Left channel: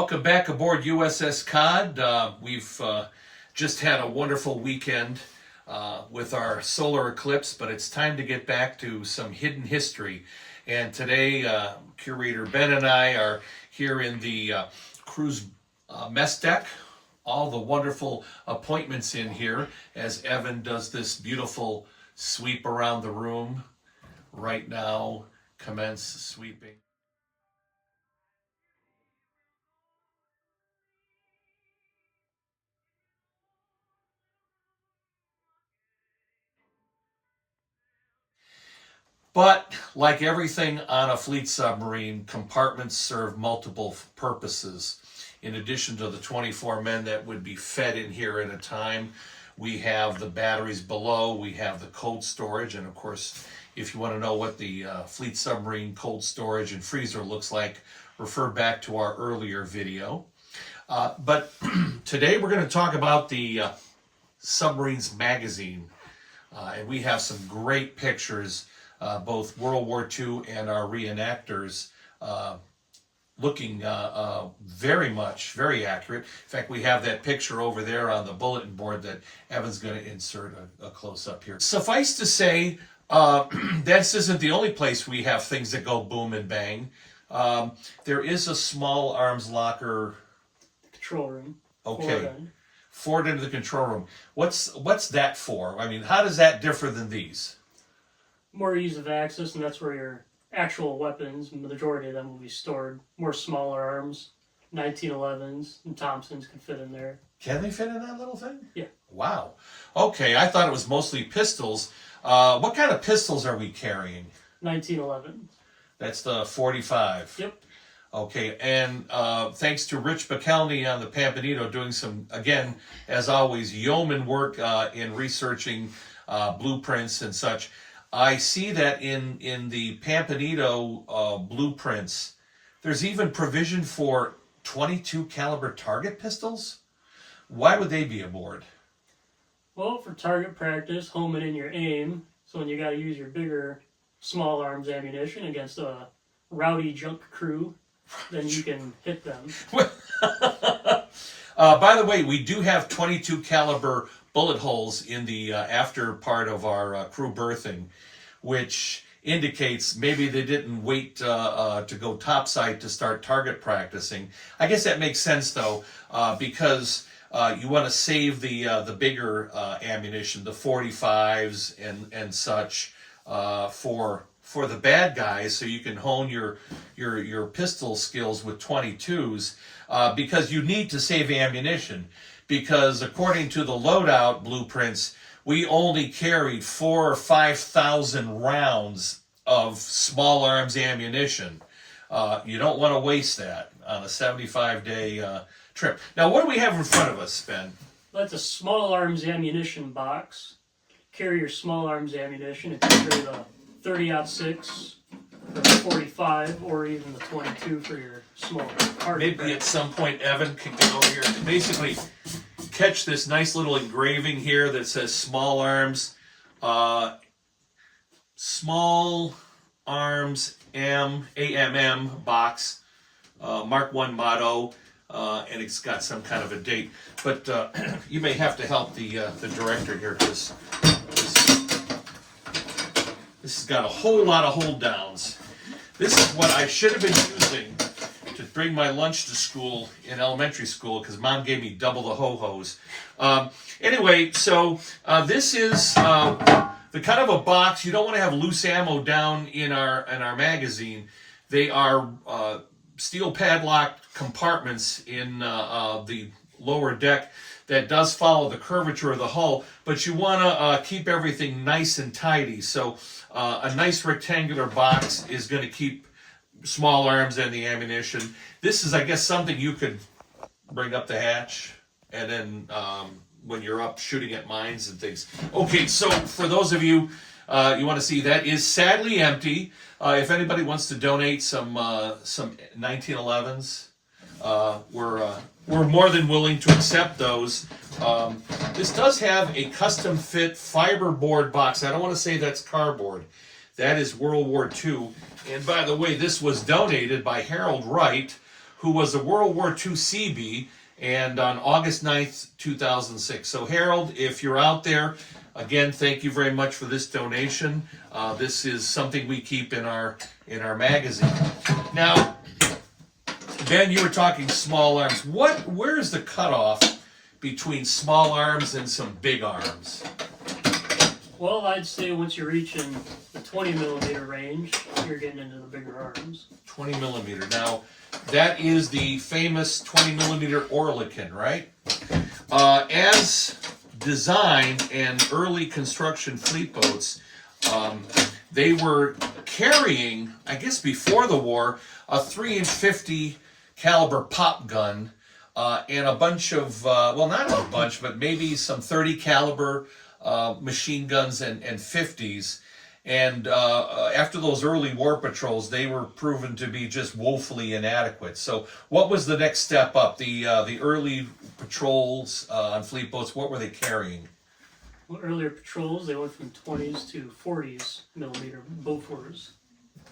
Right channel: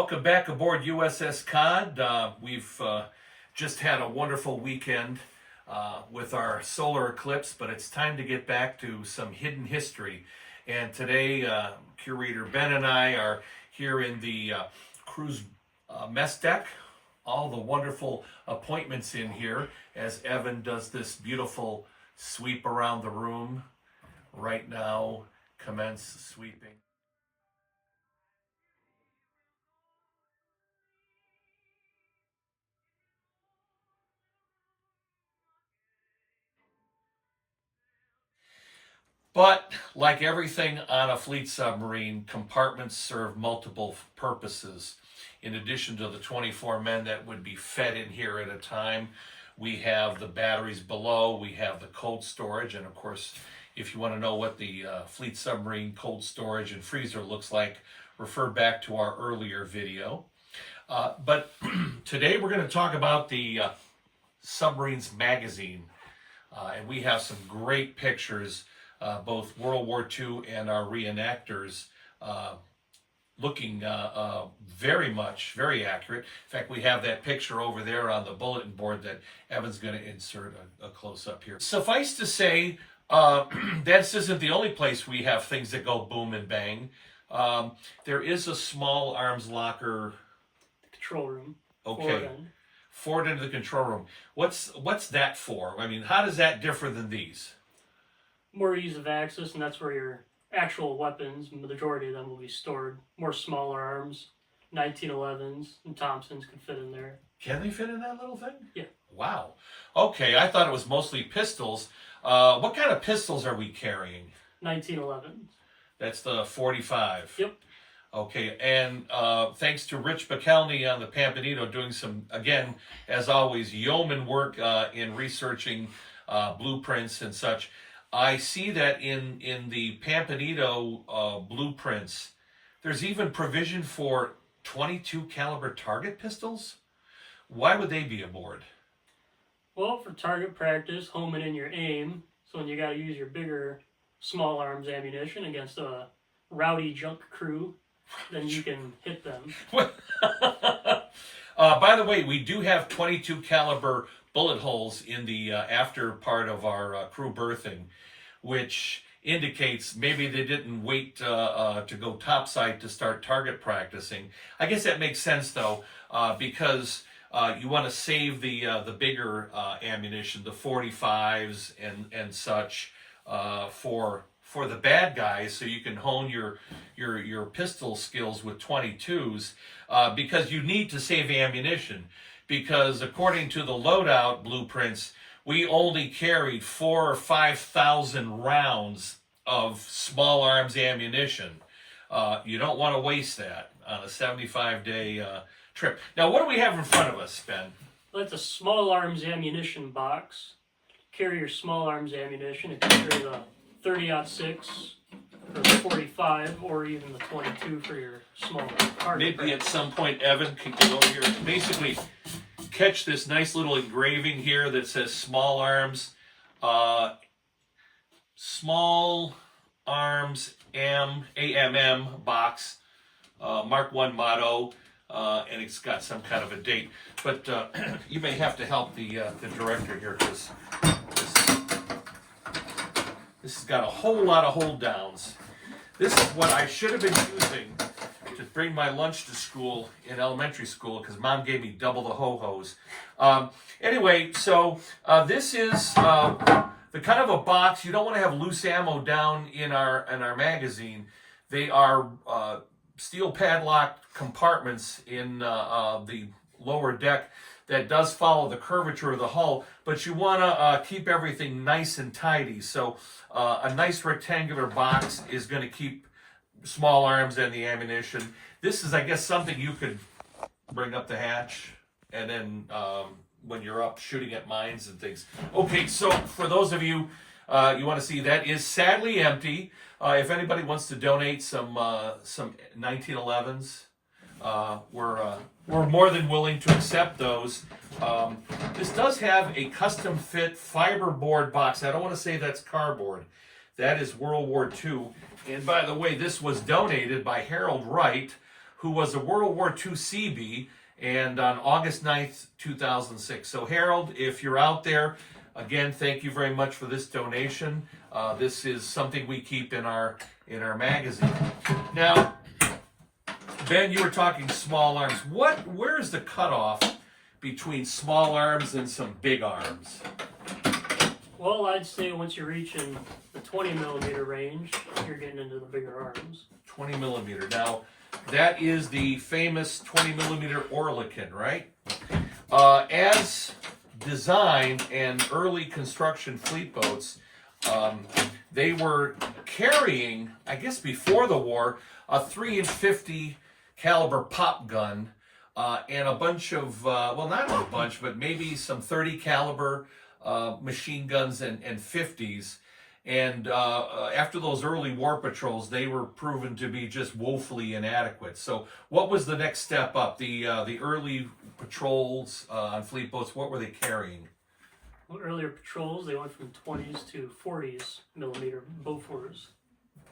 Welcome back aboard USS Cod. We've just had a wonderful weekend with our solar eclipse, but it's time to get back to some hidden history. And today, Curator Ben and I are here in the cruise mess deck. All the wonderful appointments in here as Evan does this beautiful sweep around the room. Right now, commence sweeping. But like everything on a fleet submarine, compartments serve multiple purposes. In addition to the 24 men that would be fed in here at a time, we have the batteries below, we have the cold storage, and of course, if you want to know what the fleet submarine cold storage and freezer looks like, refer back to our earlier video. But today we're going to talk about the Submarines magazine, and we have some great pictures. Both World War II and our reenactors looking very accurate. In fact, we have that picture over there on the bulletin board that Evan's going to insert a close-up here. Suffice to say, this isn't the only place we have things that go boom and bang. There is a small arms locker. Control room. Okay. Forward into the control room. What's that for? I mean, how does that differ than these? More ease of access, and that's where your actual weapons, the majority of them will be stored. More smaller arms, 1911s and Thompsons can fit in there. Can they fit in that little thing? Yeah. Wow. Okay, I thought it was mostly pistols. What kind of pistols are we carrying? 1911s. That's the 45. Yep. Okay, and thanks to Rich McElney on the Pampanito doing some, again, as always, yeoman work in researching blueprints and such. I see that in the Pampanito blueprints, there's even provision for 22 caliber target pistols. Why would they be aboard? Well, for target practice, homing in your aim. So when you got to use your bigger small arms ammunition against a rowdy junk crew, then you can hit them. By the way, we do have 22 caliber bullet holes in the after part of our crew berthing, which indicates maybe they didn't wait to go topside to start target practicing. I guess that makes sense though, because you want to save the bigger ammunition, the 45s and such, for the bad guys, so you can hone your pistol skills with 22s, because you need to save ammunition. Because according to the loadout blueprints, we only carried 4,000 or 5,000 rounds of small arms ammunition. You don't want to waste that on a 75-day trip. Now, what do we have in front of us, Ben? Well, that's a small arms ammunition box. Carry your small arms ammunition and carry the 30-06 or the 45 or even the 22 for your small target. Maybe at some point Evan can get over here and basically catch this nice little engraving here that says small arms AMM box, Mark 1 motto, and it's got some kind of a date. But you may have to help the director here, because this has got a whole lot of hold downs. This is what I should have been using to bring my lunch to school in elementary school, because Mom gave me double the ho-hos. Anyway, so this is the kind of a box. You don't want to have loose ammo down in our magazine. They are steel padlocked compartments in the lower deck that does follow the curvature of the hull, but you want to keep everything nice and tidy. So a nice rectangular box is going to keep small arms and the ammunition. This is, I guess, something you could bring up the hatch, and then when you're up shooting at mines and things. Okay, so for those of you you want to see, that is sadly empty. If anybody wants to donate some 1911s, we're more than willing to accept those. This does have a custom fit fiberboard box. I don't want to say that's cardboard. That is World War II. And by the way, this was donated by Harold Wright, who was a World War II Seabee, and on August 9th, 2006. So Harold, if you're out there, again, thank you very much for this donation. This is something we keep in our magazine. Now, Ben, you were talking small arms. Where is the cutoff between small arms and some big arms? Well, I'd say once you're reaching the 20 millimeter range, you're getting into the bigger arms. 20 millimeter. Now, that is the famous 20 millimeter Oerlikon, right? As designed and early construction fleet boats, they were carrying, I guess before the war, a 3-inch 50 caliber pop gun and a bunch of, well, not a bunch, but maybe some 30 caliber machine guns and 50s. And after those early war patrols, they were proven to be just woefully inadequate. So what was the next step up? The early patrols on fleet boats, what were they carrying? Well, earlier patrols, they went from 20s to 40s millimeter Bofors.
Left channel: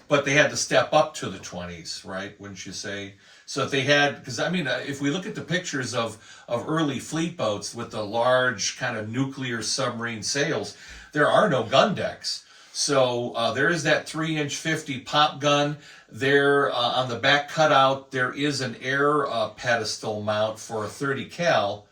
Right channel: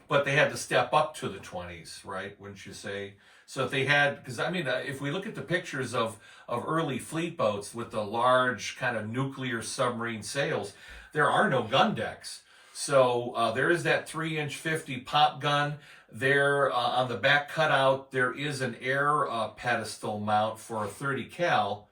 But they had to step up to the 20s, right? Wouldn't you say? So if they had, because I mean, if we look at the pictures of early fleet boats with the large kind of nuclear submarine sails, there are no gun decks. So there is that 3-inch 50 pop gun. There on the back cutout, there is an air pedestal mount for a 30 cal.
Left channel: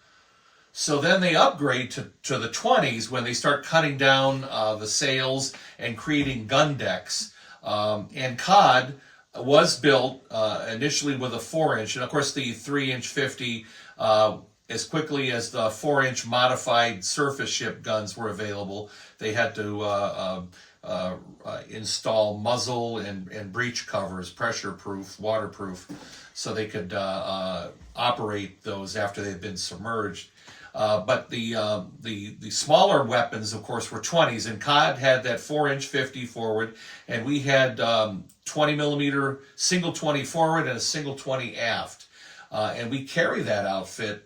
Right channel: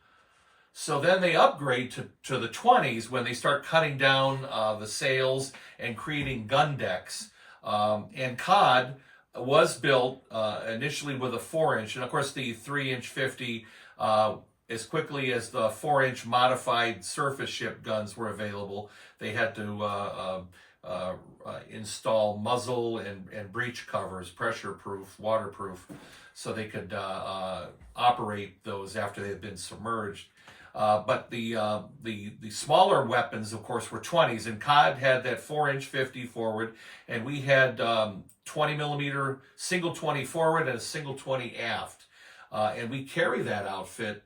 So then they upgrade to the 20s when they start cutting down the sails and creating gun decks. And COD was built initially with a 4-inch, and of course the 3-inch 50, as quickly as the 4-inch modified surface ship guns were available, they had to install muzzle and breech covers, pressure proof, waterproof, so they could operate those after they'd been submerged. But the smaller weapons, of course, were 20s, and COD had that 4-inch 50 forward, and we had 20 millimeter single 20 forward and a single 20 aft, and we carry that outfit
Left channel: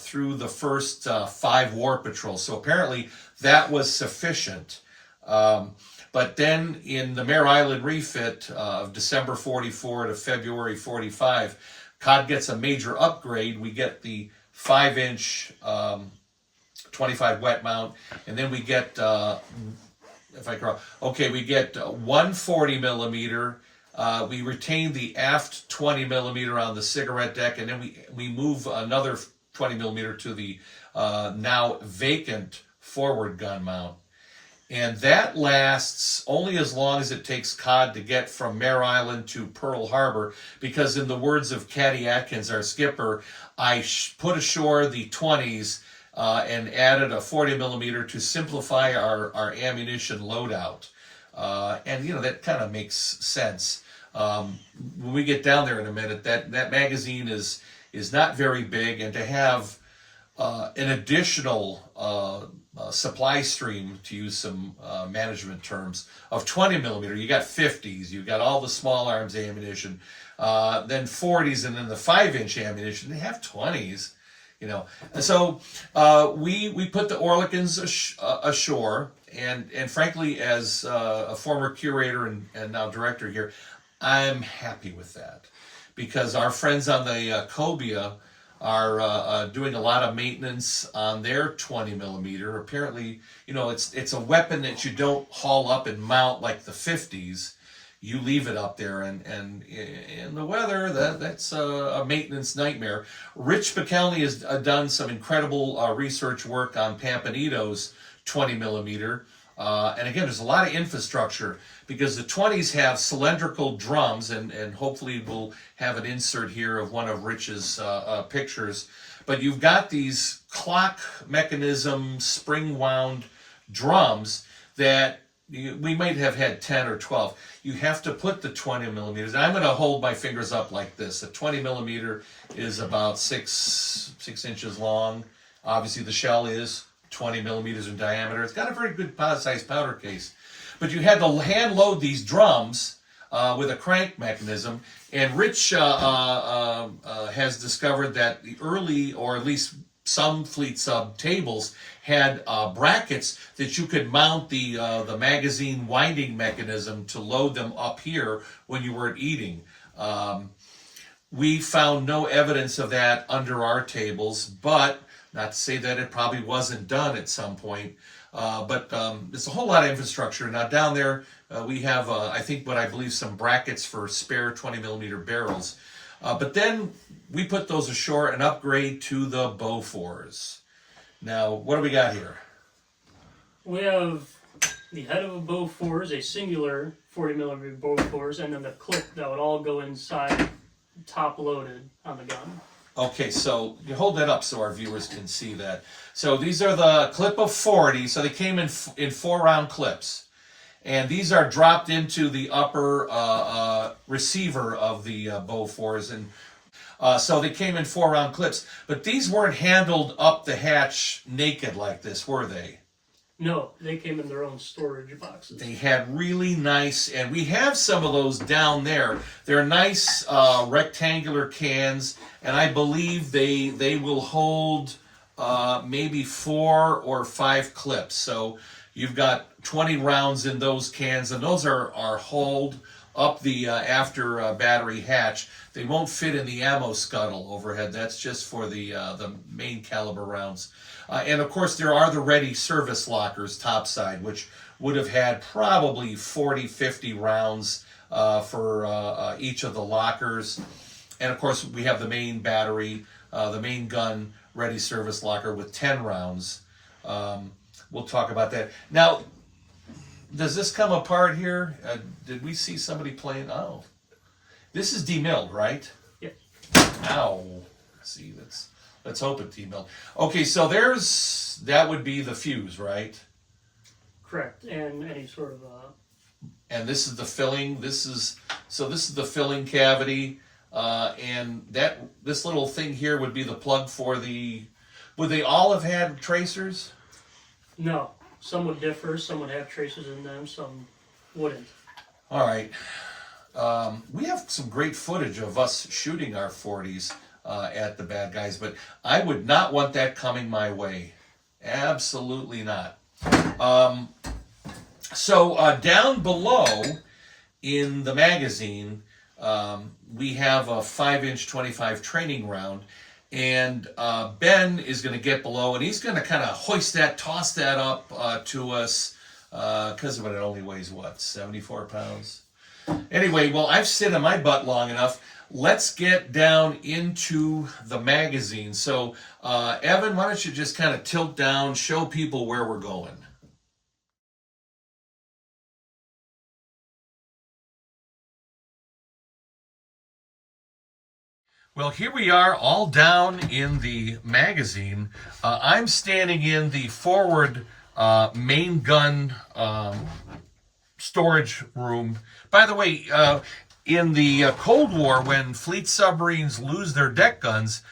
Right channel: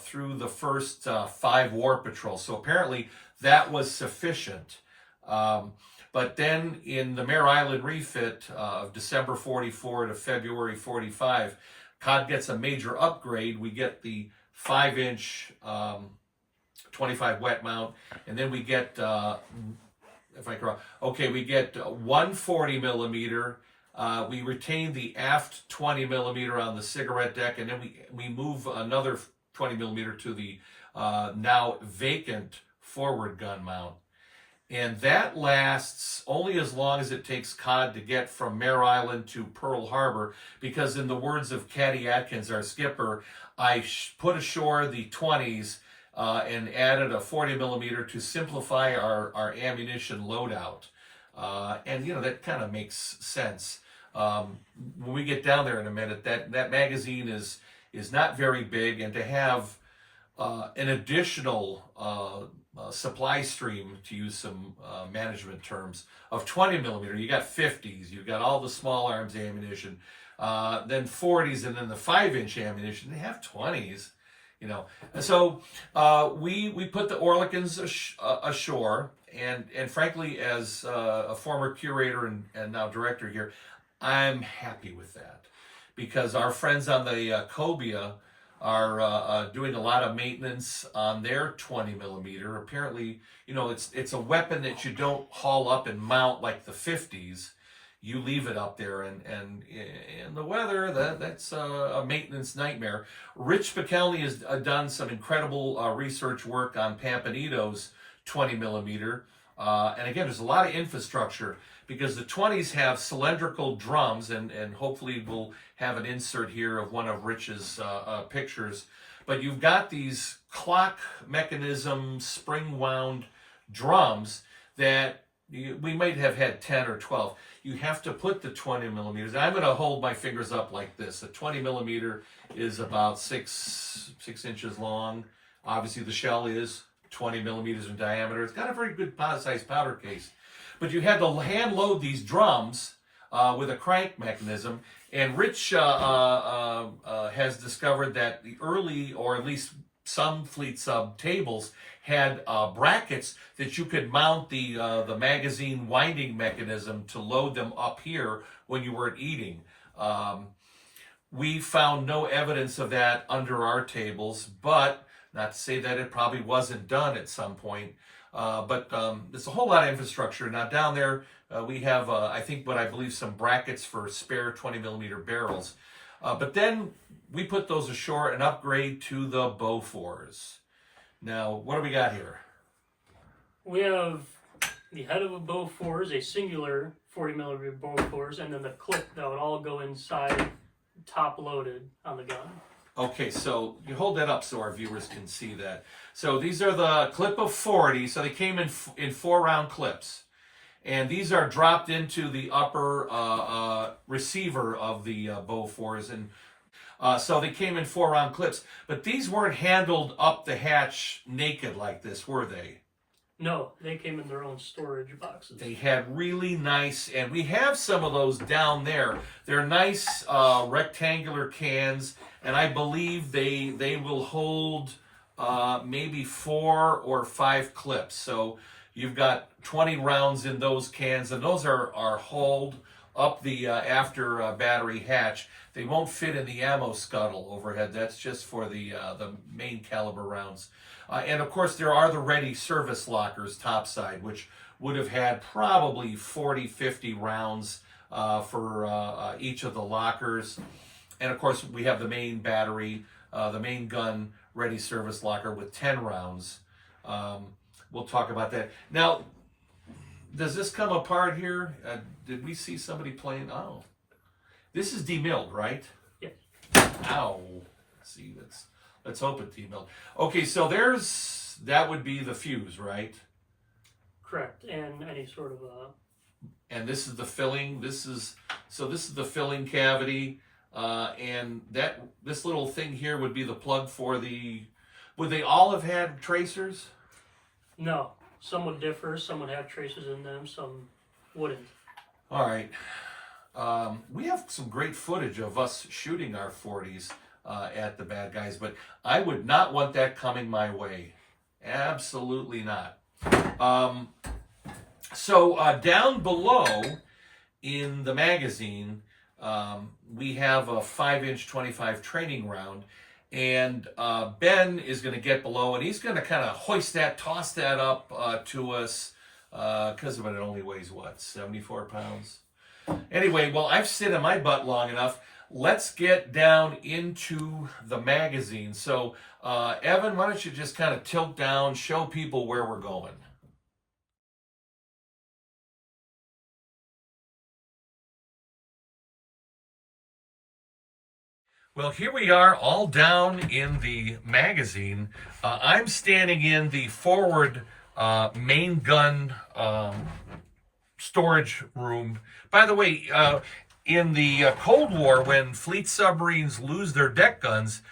through the first 5 war patrols. So apparently that was sufficient. But then in the Mare Island refit of December 44 to February 45, COD gets a major upgrade. We get the 5-inch 25 wet mount, and then we get if I can, okay, we get 140 millimeter. We retain the aft 20 millimeter on the cigarette deck, and then we move another 20 millimeter to the now vacant forward gun mount. And that lasts only as long as it takes COD to get from Mare Island to Pearl Harbor, because in the words of Caddy Atkins, our skipper, I put ashore the 20s and added a 40 millimeter to simplify our ammunition loadout. And, you know, that kind of makes sense. When we get down there in a minute, that magazine is not very big, and to have an additional supply stream, to use some management terms, of 20 millimeter. You got 50s, you got all the small arms ammunition, then 40s, and then the 5-inch ammunition. They have 20s, you know. And so we put the Oerlikons ashore, and frankly, as a former curator and now director here, I'm happy with that, because our friends on the cobia are doing a lot of maintenance on their 20 millimeter. Apparently, you know, it's a weapon that you don't haul up and mount like the 50s. You leave it up there, and in the weather, that's a maintenance nightmare. Rich Pikelny has done some incredible research work on Pampanito's 20 millimeter. And again, there's a lot of infrastructure, because the 20s have cylindrical drums, and hopefully we'll have an insert here of one of Rich's pictures. But you've got these clock mechanism, spring-wound drums that we might have had 10 or 12. You have to put the 20 millimeters. And I'm going to hold my fingers up like this. A 20 millimeter is about 6 inches long. Obviously, the shell is 20 millimeters in diameter. It's got a very good sized powder case. But you had to hand load these drums with a crank mechanism. And Rich has discovered that the early, or at least some fleet sub tables, had brackets that you could mount the magazine winding mechanism to load them up here when you weren't eating. We found no evidence of that under our tables, but not to say that it probably wasn't done at some point. But there's a whole lot of infrastructure. Now down there, we have, I think what I believe some brackets for spare 20 millimeter barrels. But then we put those ashore and upgrade to the Bofors. Now, what do we got here? We have the head of a Bofors, a singular 40 millimeter Bofors, and then the clip that would all go inside, top loaded on the gun. Okay, so you hold that up so our viewers can see that. So these are the clip of 40. So they came in 4-round clips. And these are dropped into the upper receiver of the Bofors. And so they came in 4-round clips. But these weren't handled up the hatch naked like this, were they? No, they came in their own storage boxes. They had really nice, and we have some of those down there. They're nice rectangular cans, and I believe they will hold maybe 4 or 5 clips. So you've got 20 rounds in those cans, and those are hauled up the after battery hatch. They won't fit in the ammo scuttle overhead. That's just for the main caliber rounds. And of course, there are the ready service lockers topside, which would have had probably 40, 50 rounds for each of the lockers. And of course, we have the main battery, the main gun ready service locker with 10 rounds. We'll talk about that. Now, does this come apart here? Did we see somebody playing? Oh, this is demilled, right? Yep. Ow. See, let's hope it's demilled. Okay, so that would be the fuse, right? Correct, and any sort of And this is the filling. This is the filling cavity, and this little thing here would be the plug for the. Would they all have had tracers? No, some would differ. Some would have tracers in them. Some wouldn't. All right. We have some great footage of us shooting our 40s at the bad guys, but I would not want that coming my way. Absolutely not. So down below in the magazine, we have a 5-inch 25 training round, and Ben is going to get below, and he's going to kind of toss that up to us, because it only weighs, 74 pounds? Anyway, well, I've sit on my butt long enough. Let's get down into the magazine. So, Evan, why don't you just kind of tilt down, show people where we're going. Well, here we are all down in the magazine. I'm standing in the forward main gun storage room. By the way, in the Cold War, when fleet submarines lose their deck guns,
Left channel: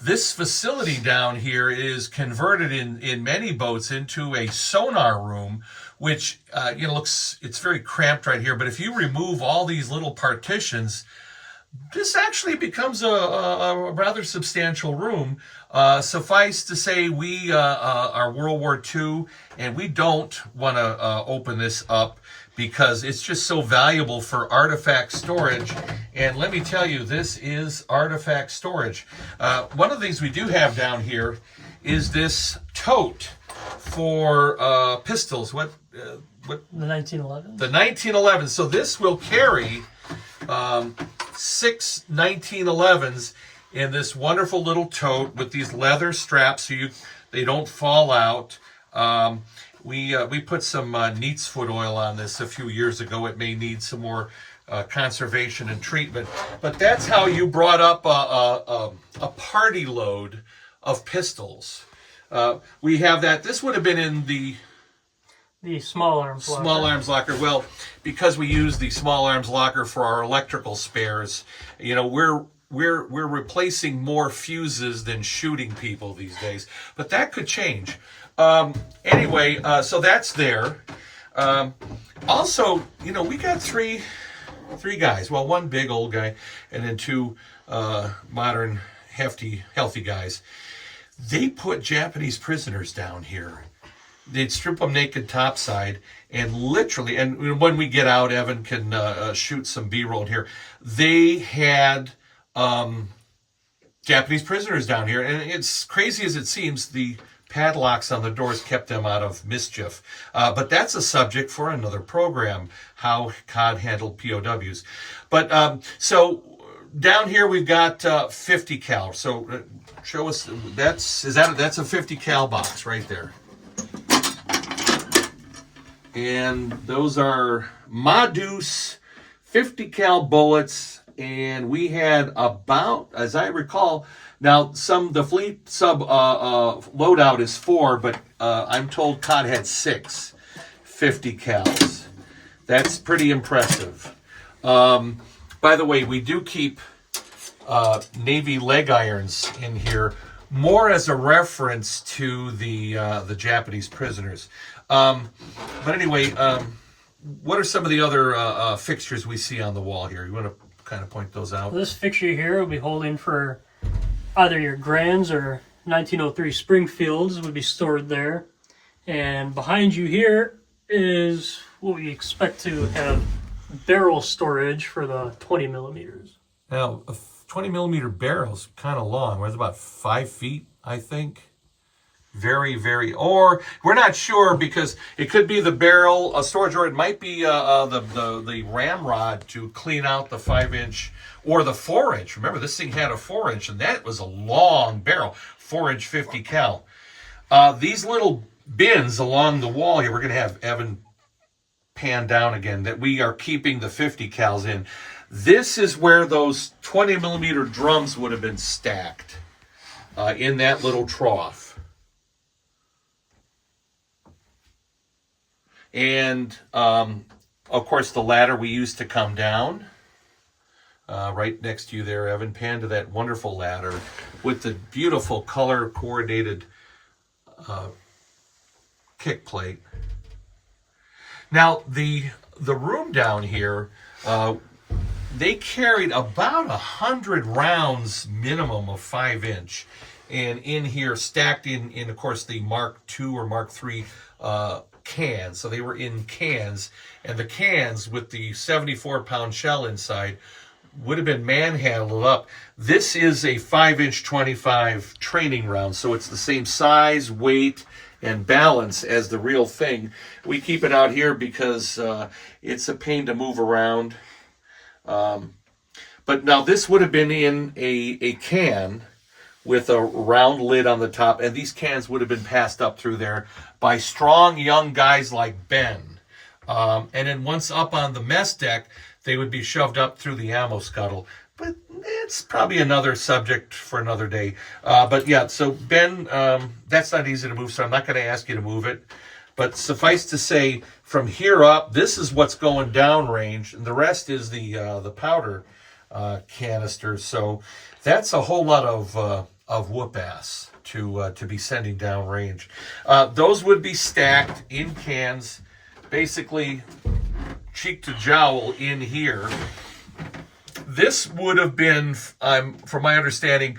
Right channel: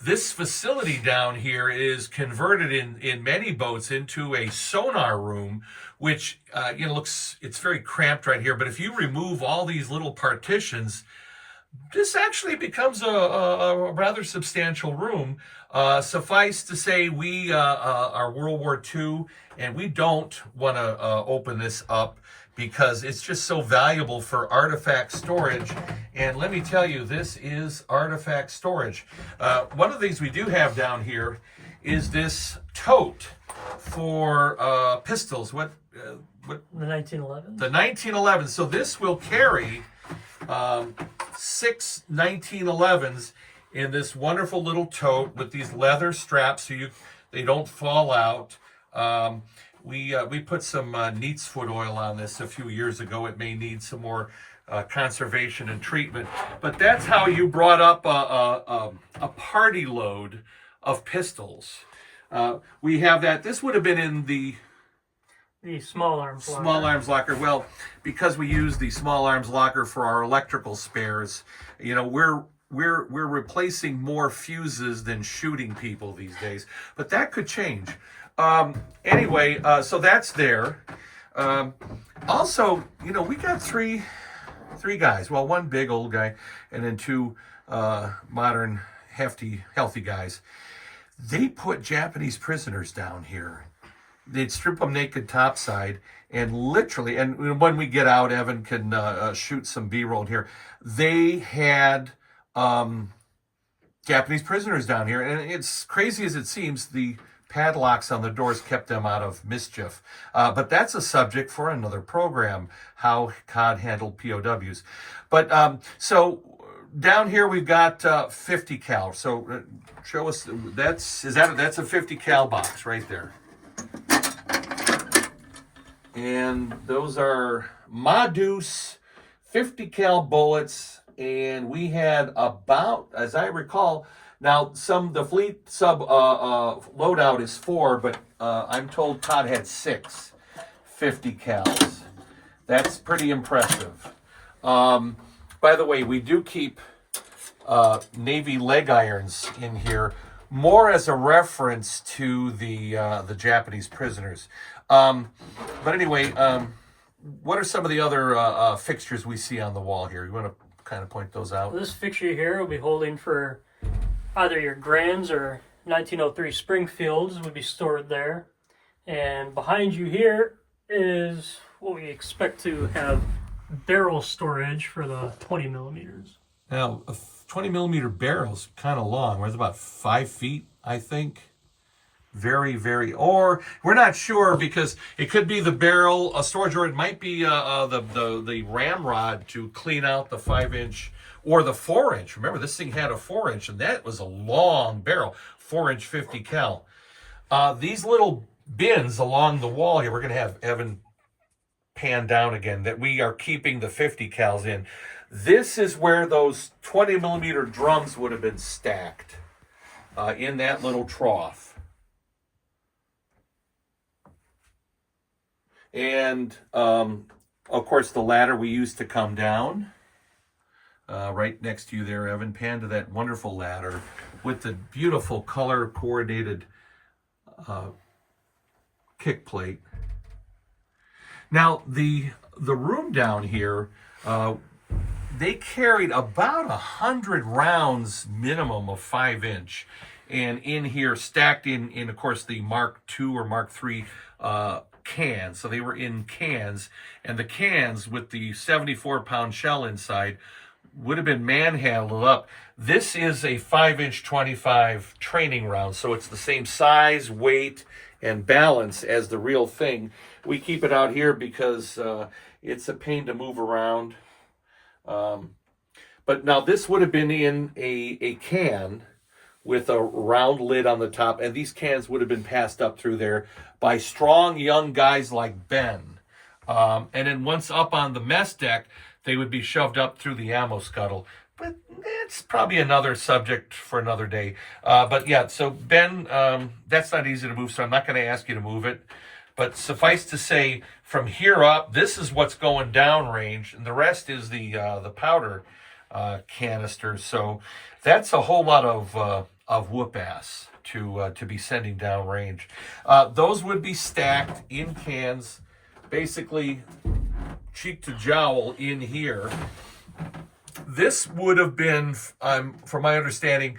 this facility down here is converted in many boats into a sonar room, which it's very cramped right here. But if you remove all these little partitions, this actually becomes a rather substantial room. Suffice to say, we are World War II, and we don't want to open this up because it's just so valuable for artifact storage. And let me tell you, this is artifact storage. One of the things we do have down here is this tote for pistols. The 1911. The 1911. So this will carry 6 1911s in this wonderful little tote with these leather straps so they don't fall out. We put some neat's foot oil on this a few years ago. It may need some more conservation and treatment, but that's how you brought up a party load of pistols. We have that. This would have been in the small arms locker. Small arms locker. Well, because we use the small arms locker for our electrical spares, we're replacing more fuses than shooting people these days. But that could change. Anyway, so that's there. Also, we got three guys. Well, one big old guy, and then 2 modern, healthy guys. They put Japanese prisoners down here. They'd strip them naked topside, and literally, and when we get out, Evan can shoot some B-roll here. They had Japanese prisoners down here. And it's crazy as it seems, the padlocks on the doors kept them out of mischief. But that's a subject for another program, how COD handled POWs. But so down here we've got 50 cal. So show us, that's a 50 cal box right there. And those are Madus 50 cal bullets. And we had about, as I recall, now the fleet sub loadout is 4, but I'm told COD had 6 50 cals. That's pretty impressive. By the way, we do keep Navy leg irons in here, more as a reference to the Japanese prisoners. But anyway, what are some of the other fixtures we see on the wall here? You want to kind of point those out? This fixture here will be holding for either your Grands or 1903 Springfields would be stored there. And behind you here is what we expect to have barrel storage for the 20 millimeters. Now, a 20 millimeter barrel is kind of long. It's about 5 feet, I think. Very, very, or we're not sure because it could be the barrel, a storage, or it might be the ramrod to clean out the 5-inch or the 4-inch. Remember, this thing had a 4-inch, and that was a long barrel, 4-inch 50 cal. These little bins along the wall here, we're going to have Evan pan down again, that we are keeping the 50 cals in. This is where those 20 millimeter drums would have been stacked in that little trough. And, of course, the ladder we used to come down. Right next to you there, Evan, pan to that wonderful ladder with the beautiful color-coordinated kick plate. Now, the room down here, they carried about 100 rounds minimum of 5-inch. And in here, stacked in, of course, the Mark II or Mark III cans. So they were in cans, and the cans with the 74-pound shell inside would have been manhandled up. This is a 5-inch 25 training round, so it's the same size, weight, and balance as the real thing. We keep it out here because it's a pain to move around. But now this would have been in a can with a round lid on the top, and these cans would have been passed up through there by strong young guys like Ben. And then once up on the mess deck, they would be shoved up through the ammo scuttle. But it's probably another subject for another day. But yeah, so Ben, that's not easy to move, so I'm not going to ask you to move it. But suffice to say, from here up, this is what's going down range, and the rest is the powder canister. So that's a whole lot of whoop ass to be sending down range. Those would be stacked in cans, basically cheek to jowl in here. This would have been, from my understanding,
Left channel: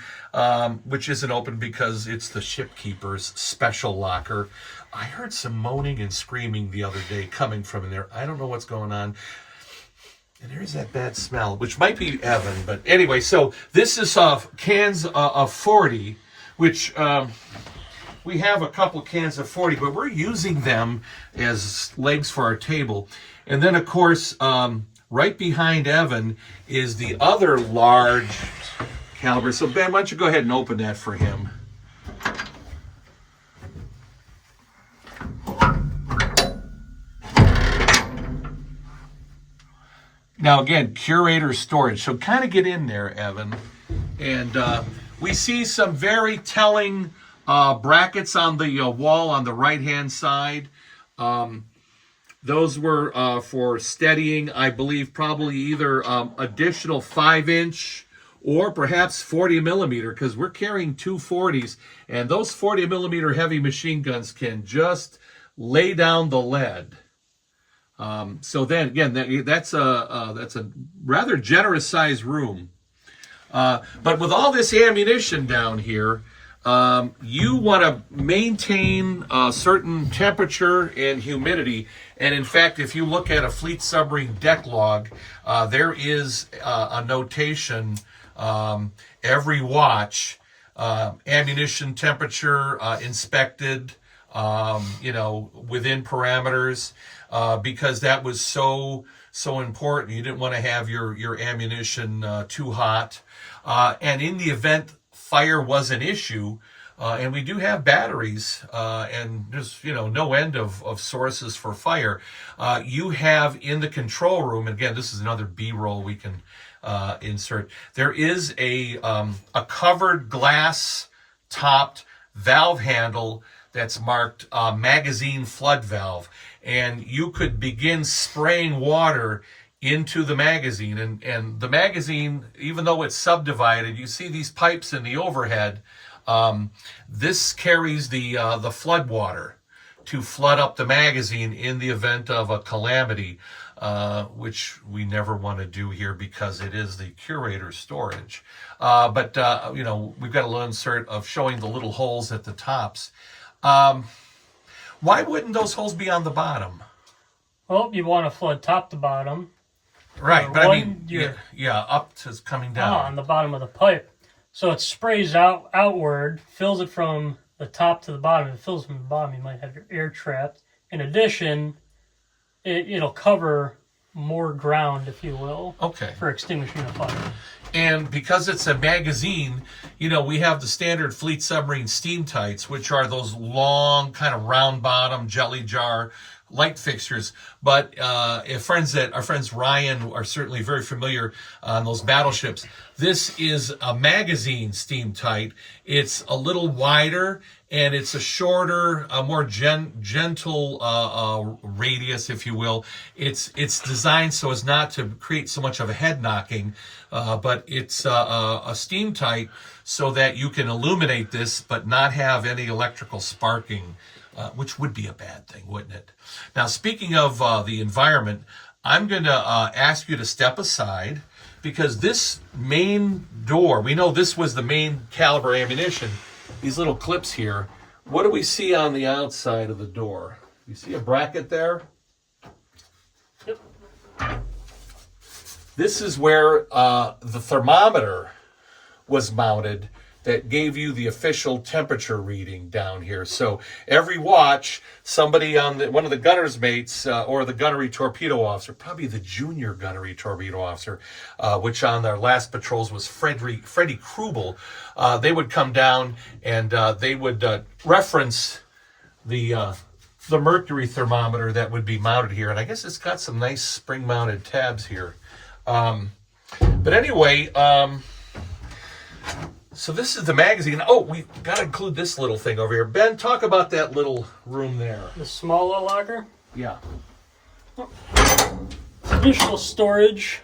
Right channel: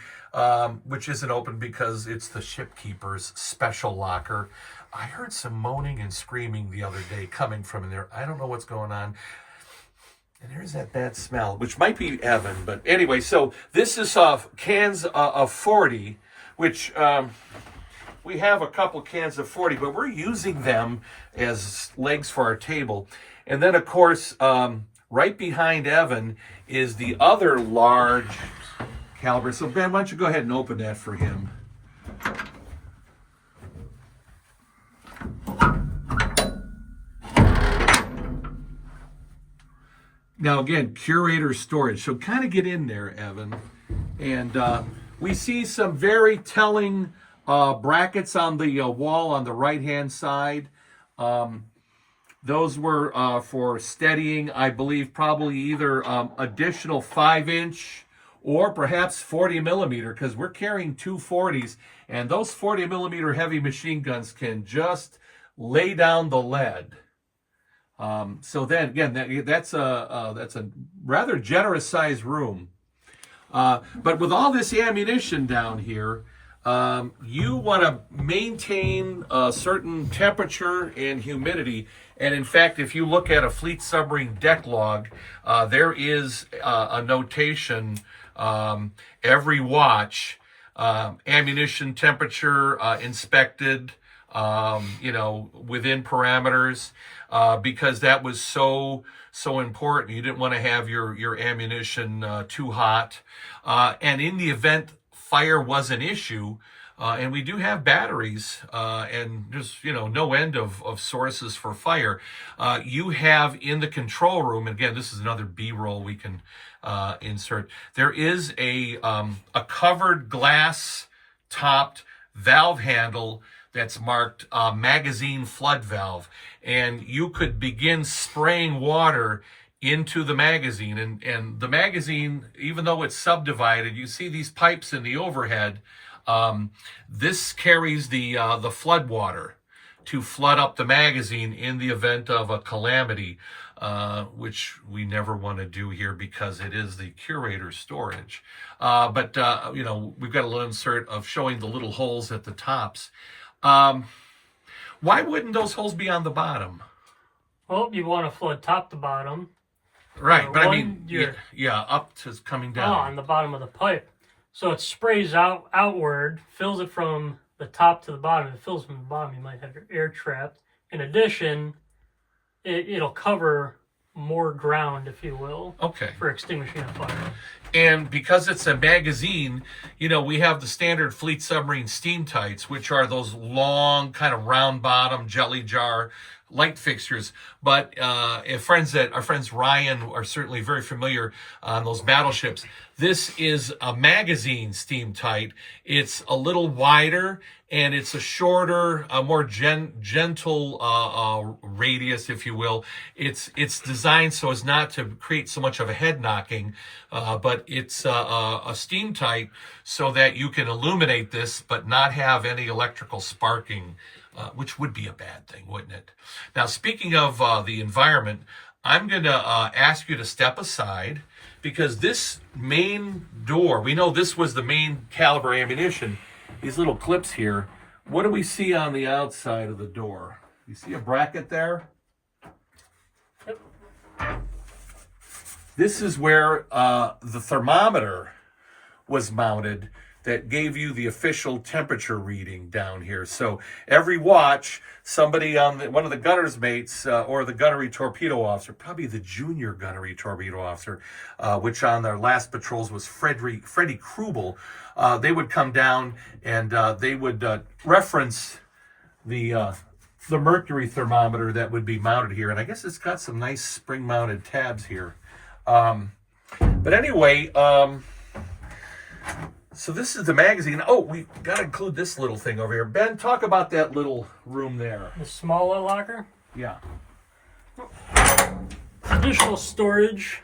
which isn't open because it's the shipkeeper's special locker. I heard some moaning and screaming the other day coming from in there. I don't know what's going on. And there's that bad smell, which might be Evan. But anyway, so this is cans of 40, which we have a couple cans of 40, but we're using them as legs for our table. And then, of course, right behind Evan is the other large caliber. So, Ben, why don't you go ahead and open that for him? Now, again, curator storage. So kind of get in there, Evan. And we see some very telling brackets on the wall on the right-hand side. Those were for steadying, I believe, probably either additional 5-inch or perhaps 40 millimeter, because we're carrying 2 40s, and those 40 millimeter heavy machine guns can just lay down the lead. So then again, that's a rather generous sized room. But with all this ammunition down here, you want to maintain a certain temperature and humidity. And in fact, if you look at a fleet submarine deck log, there is a notation every watch, ammunition temperature inspected, within parameters, because that was so important. You didn't want to have your ammunition too hot. And in the event fire was an issue, and we do have batteries, and there's no end of sources for fire. You have in the control room, and again, this is another B-roll we can insert. There is a covered glass topped valve handle that's marked magazine flood valve, and you could begin spraying water into the magazine. And the magazine, even though it's subdivided, you see these pipes in the overhead. This carries the flood water to flood up the magazine in the event of a calamity, which we never want to do here because it is the curator's storage. But we've got a little insert of showing the little holes at the tops. Why wouldn't those holes be on the bottom? Well, you want to flood top to bottom. Right, but I mean, up to coming down. On the bottom of the pipe. So it sprays outward, fills it from the top to the bottom. If it fills from the bottom, you might have your air trapped. In addition, it'll cover more ground, if you will, for extinguishing a fire. And because it's a magazine, we have the standard fleet submarine steam tights, which are those long, kind of round bottom jelly jar light fixtures. But our friends Ryan are certainly very familiar on those battleships. This is a magazine steam tight. It's a little wider, and it's a shorter, a more gentle radius, if you will. It's designed so as not to create so much of a head knocking, but it's a steam tight so that you can illuminate this but not have any electrical sparking, which would be a bad thing, wouldn't it? Now, speaking of the environment, I'm going to ask you to step aside, because this main door, we know this was the main caliber ammunition. These little clips here, what do we see on the outside of the door? You see a bracket there? Yep. This is where the thermometer was mounted that gave you the official temperature reading down here. So every watch, somebody on one of the gunner's mates or the gunnery torpedo officer, probably the junior gunnery torpedo officer, which on their last patrols was Freddie Krubel, they would come down and they would reference the mercury thermometer that would be mounted here. And I guess it's got some nice spring-mounted tabs here. But anyway, so this is the magazine. Oh, we've got to include this little thing over here. Ben, talk about that little room there. The small locker? Yeah. Additional storage.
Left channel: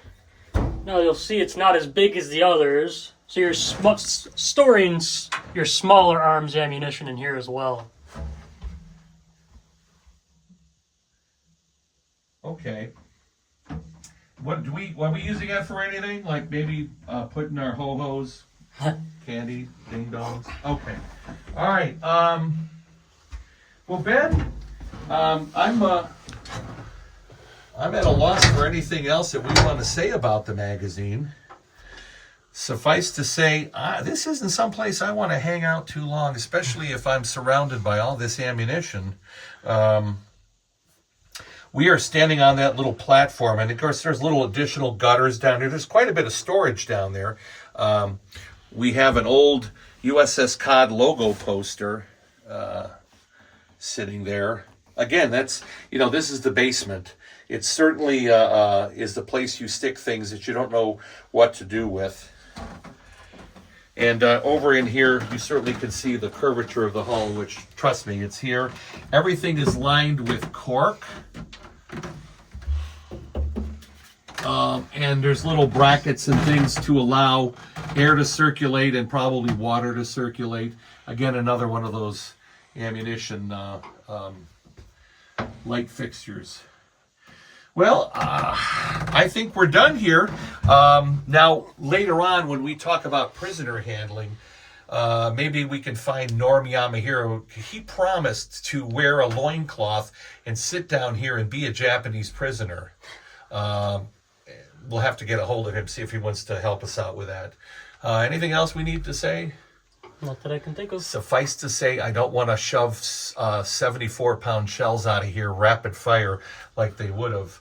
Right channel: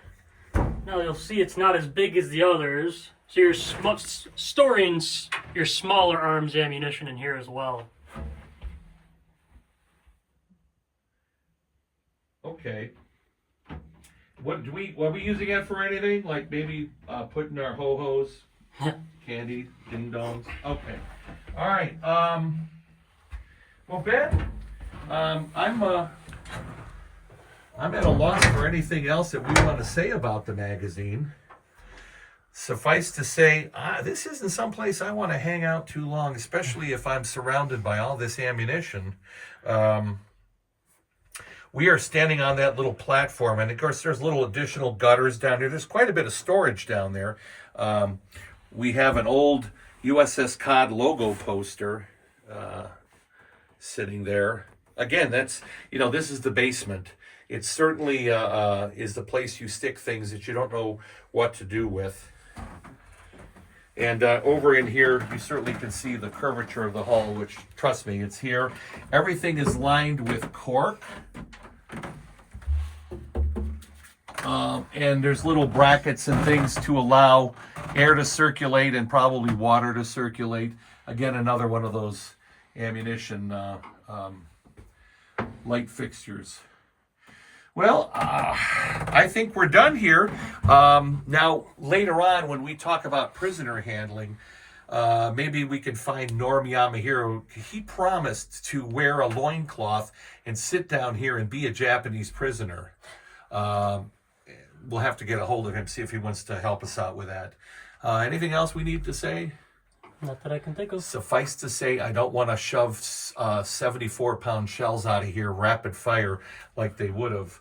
Now you'll see it's not as big as the others. So you're storing your smaller arms ammunition in here as well. Okay. Are we using it for anything? Like maybe putting our ho-hos, candy, ding-dongs? Okay. All right. Well, Ben, I'm at a loss for anything else that we want to say about the magazine. Suffice to say, this isn't someplace I want to hang out too long, especially if I'm surrounded by all this ammunition. We are standing on that little platform, and of course there's little additional gutters down here. There's quite a bit of storage down there. We have an old USS Cod logo poster sitting there. Again, that's, this is the basement. It certainly is the place you stick things that you don't know what to do with. And over in here, you certainly can see the curvature of the hull, which, trust me, it's here. Everything is lined with cork. And there's little brackets and things to allow air to circulate and probably water to circulate. Again, another one of those ammunition light fixtures. Well, I think we're done here. Now, later on, when we talk about prisoner handling, maybe we can find Norm Yamahiro. He promised to wear a loincloth and sit down here and be a Japanese prisoner. we'll have to get a hold of him, see if he wants to help us out with that. Anything else we need to say? Not that I can think of. Suffice to say, I don't want to shove 74-pound shells out of here rapid fire like they would have.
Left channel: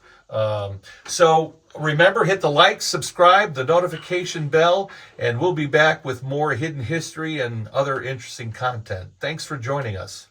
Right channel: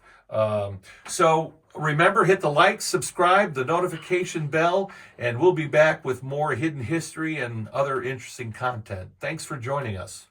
So remember, hit the like, subscribe, the notification bell, and we'll be back with more hidden history and other interesting content. Thanks for joining us.